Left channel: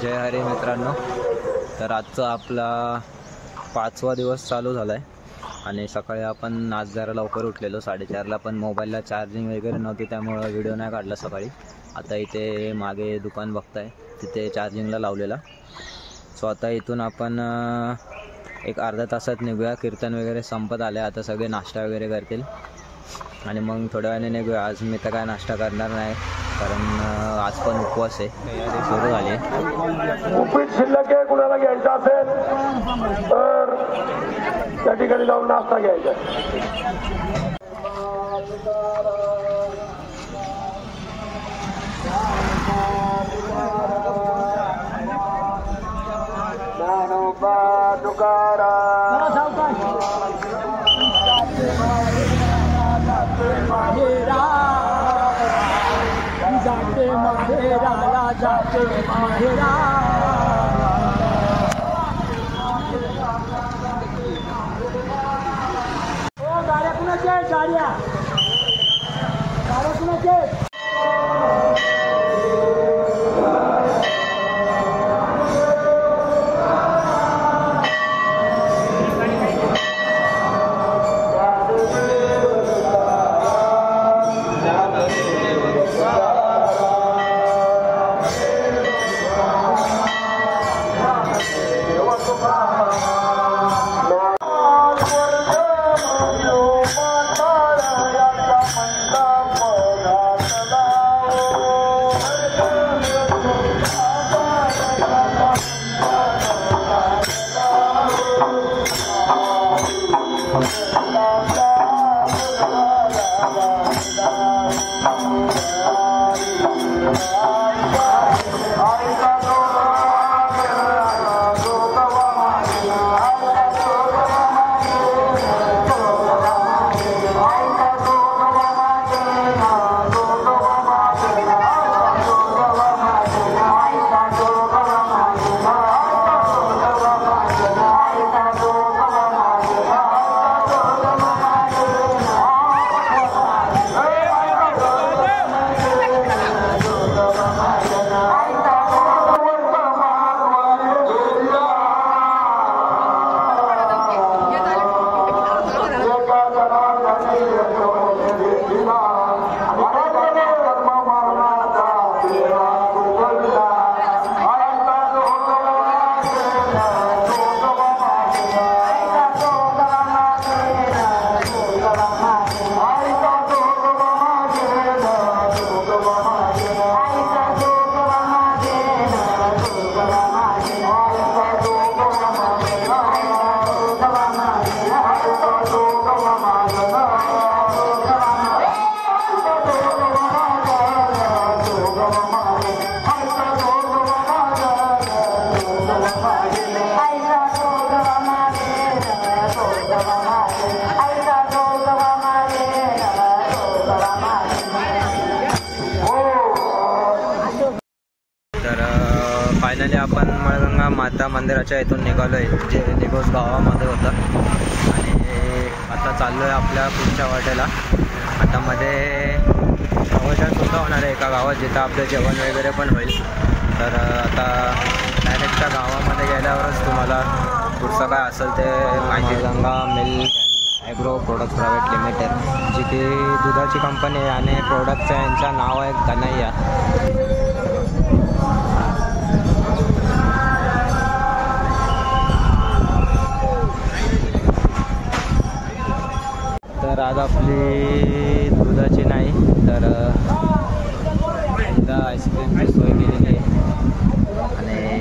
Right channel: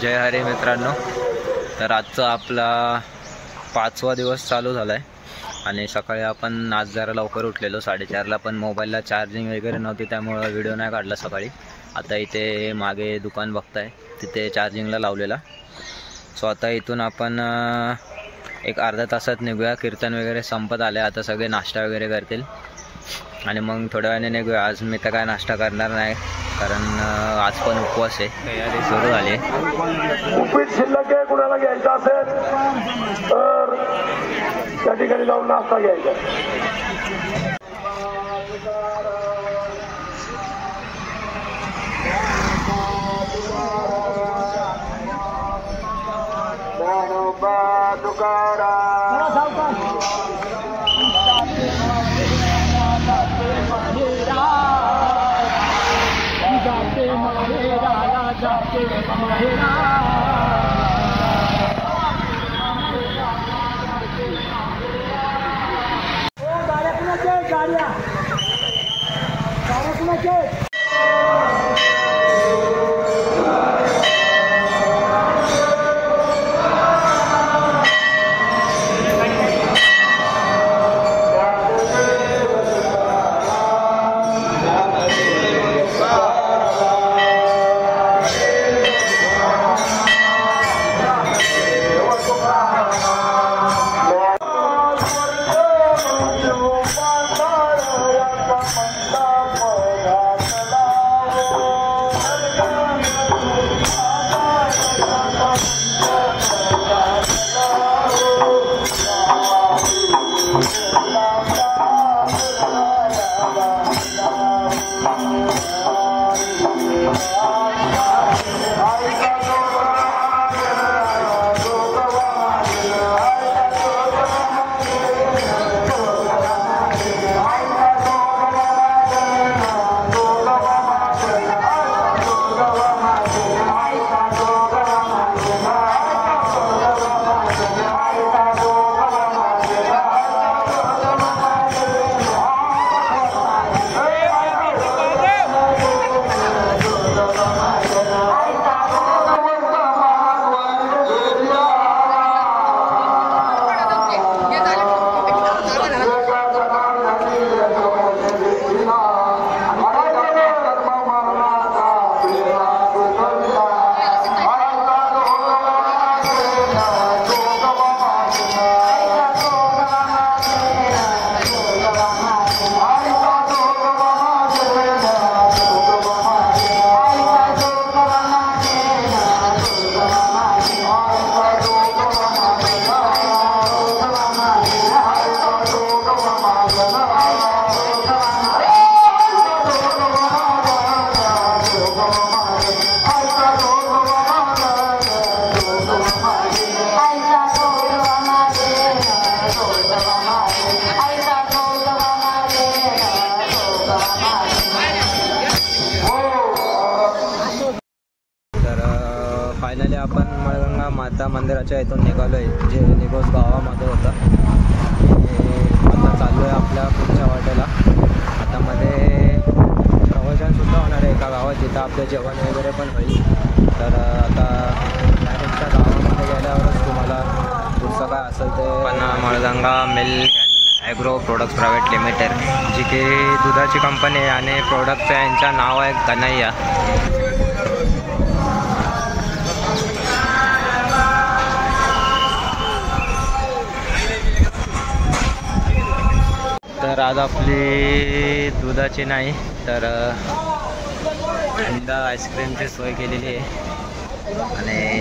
जय हरी मित्रांनो, तर आजचा आपला 5वा दिवस चालू झाला आहे आणि सकाळी आपण आज जरा लवकर उठलेलो 4:30ला, पण मोबाईलला चार्जिंग वगैरे नव्हती त्यामुळे व्हिडिओ नाही काढला सकाळी. आता इथे मागे दुकान बघताय तिथे चार्जिंगला लावलेला. सो आता इथून आपण एक अर्धा तासात निघूया. कीर्तन वगैरे संपत आले, आता सगळे नाश्ता वगैरे करतील आणि मग थोड्या वेळाने निघूया. आज मी तर काय नाश्ता करणार नाही कारण आज पण उपवास आहे. तयारी सुरू झाली. उपीट शिल्लक आहे, कुणाला घ्यायचं असेल तर त्या ठिकाणी जाऊन नाश्ता घ्यायचा. गाड्या फायनली आपण मळगंगा माता मंदिराच्या इथून निघालो आहे, जे निघोज गावामध्ये होतं आणि आता चाललो आहे आपल्या पुढच्या वाटेला. आता मध्ये प्रवचनसुद्धा होणार आहे एका गावात जिथं आपलं जेवण वगैरे पण होईल. तर आता डायरेक्ट त्या गावामध्ये गेल्यावरच तुम्हाला पुढचं काय असेल ते. Malganga milk and agro products private limited, जी की दुधाची कंपनी आहे आणि प्रोडक्टचं यांचं नाव आहे कन्हैया. तर आज आपली दुधाची नाही तर यंदा आईस्क्रीमची सोय केलेली आहे आणि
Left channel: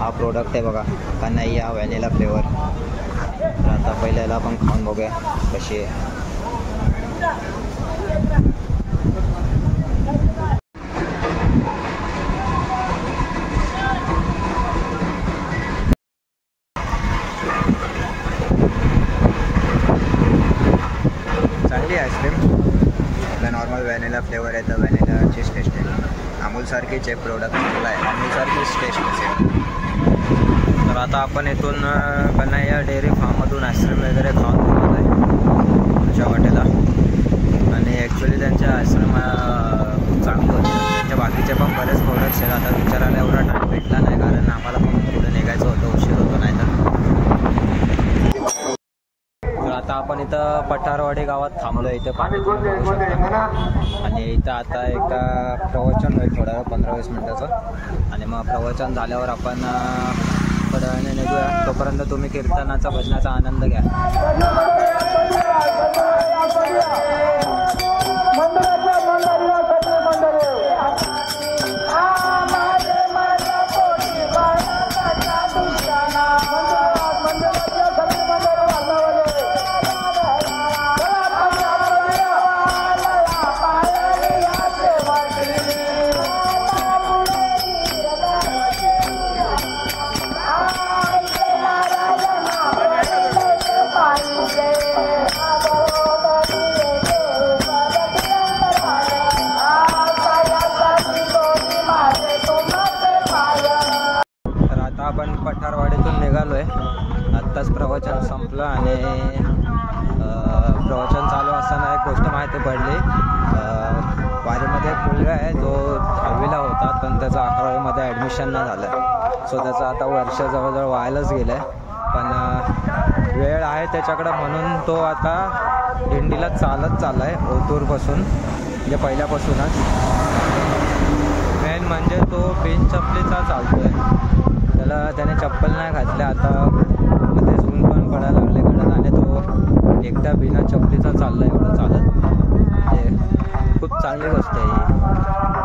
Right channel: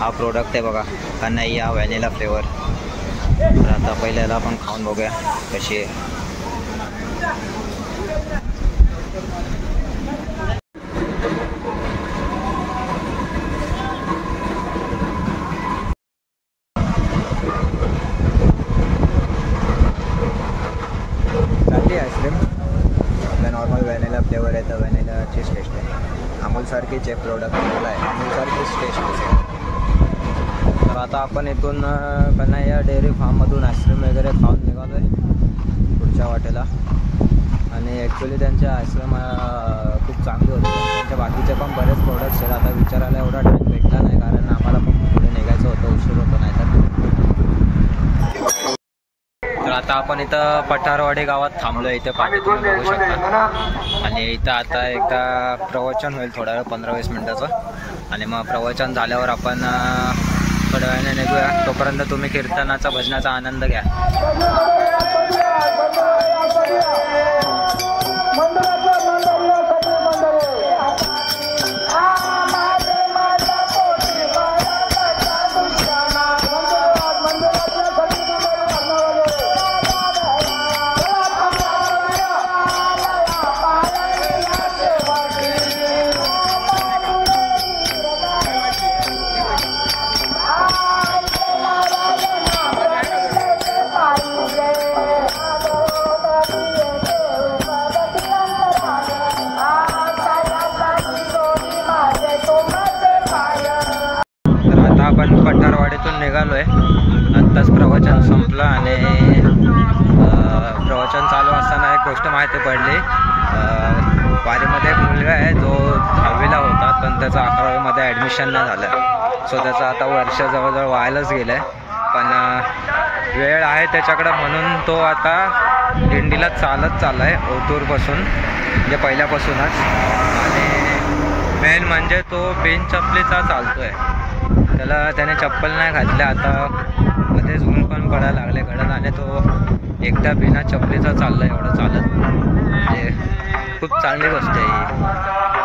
हा प्रोडक्ट आहे बघा, कन्हैया व्हॅनिला फ्लेवर. तर आता पहिल्याला आपण खाऊन बघूया कशी आहे. चांगली आईस्क्रीम आपल्या नॉर्मल व्हॅनिला फ्लेवर आहे तर व्हॅनिलाचीच टेस्ट आहे. अमूलसारखीच आहे प्रोडक्ट, चांगला आहे, अमूलसारखीच टेस्ट असेल. तर आता आपण इथून कन्हैया डेअरी फार्ममधून आईस्क्रीम वगैरे खाऊन निघालो आहे पुढच्या वाटेला. आणि ॲक्च्युली त्यांच्या आईस्क्रीम खूप खूप चांगली होती. त्यांच्या बाकीचे पण बरेच प्रोडक्ट्स आहेत. आता विचारायला एवढा टाईम भेटला नाही कारण आम्हाला पण पुढे निघायचं होतं, उशीर होतो नाही तर आता आपण इथं पठारवाडी गावात थांबलो. इथे पाणी तुम्ही बघू शकता आणि इथं आता एकदा प्रवचन होईल थोड्या वेळ 15-20 मिनटाचं आणि मग प्रवचन झाल्यावर आपण थोड्या वेळाने निघूया. तोपर्यंत तुम्ही कीर्तनाचा भजनाचा आनंद घ्या. आपण पठारवाडीतून निघालो आहे. आत्ताच प्रवचन संपलं आणि प्रवचन चालू असताना एक गोष्ट माहिती पडली. वारीमध्ये एक मुलगा आहे जो 10वीला होता पण त्याचा 11वीमध्ये ॲडमिशन नाही झालं. सो त्याचं आता वर्ष जवळजवळ व्हायलाच गेलं आहे. पण वेळ आहे त्याच्याकडं म्हणून तो आता दिंडीला चालत चालला आहे ओतूरपासून, म्हणजे पहिल्यापासूनच. आणि मेन म्हणजे तो बिनचपलीचा चालतो आहे. त्याने चप्पल नाही घातल्या. आता मध्येच ऊन पण पडायला लागले कडक आणि तो एकदा बिना चपलीचा चालला एवढं चालत. म्हणजे खूप चांगली गोष्ट आहे ही.